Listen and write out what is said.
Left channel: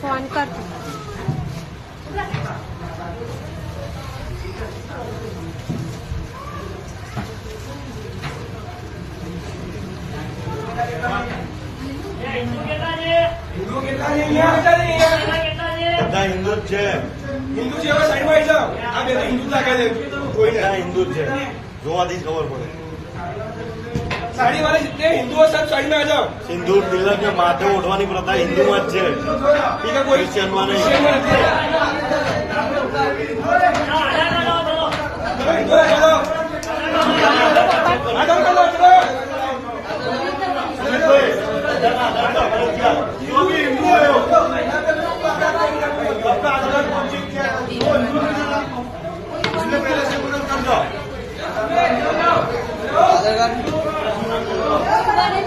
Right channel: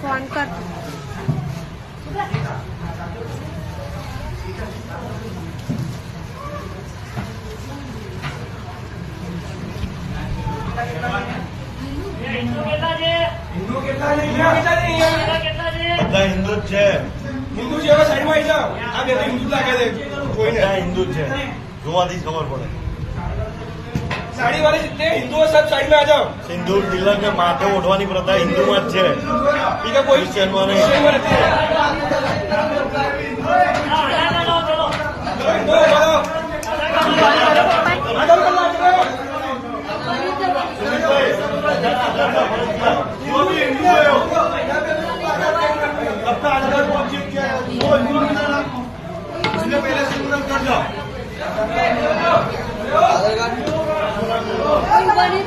phone कर हिंदू છે હિન્દુ છે એવા સાઈડમાં આવી જાઓ આ બે હિન્દુ લાગે છે કોઈને હિન્દુ છે જોવાથી ખબર પડે સાડી વાળા जितने हिंदू हो सब साइड में आ जाओ સિંદૂર તિલક ને માથે ઓઢવાની પ્રથા હિન્દુમાં જ છે ये तो कोई ક્રિશ્ચિયનમાં નહીં बनी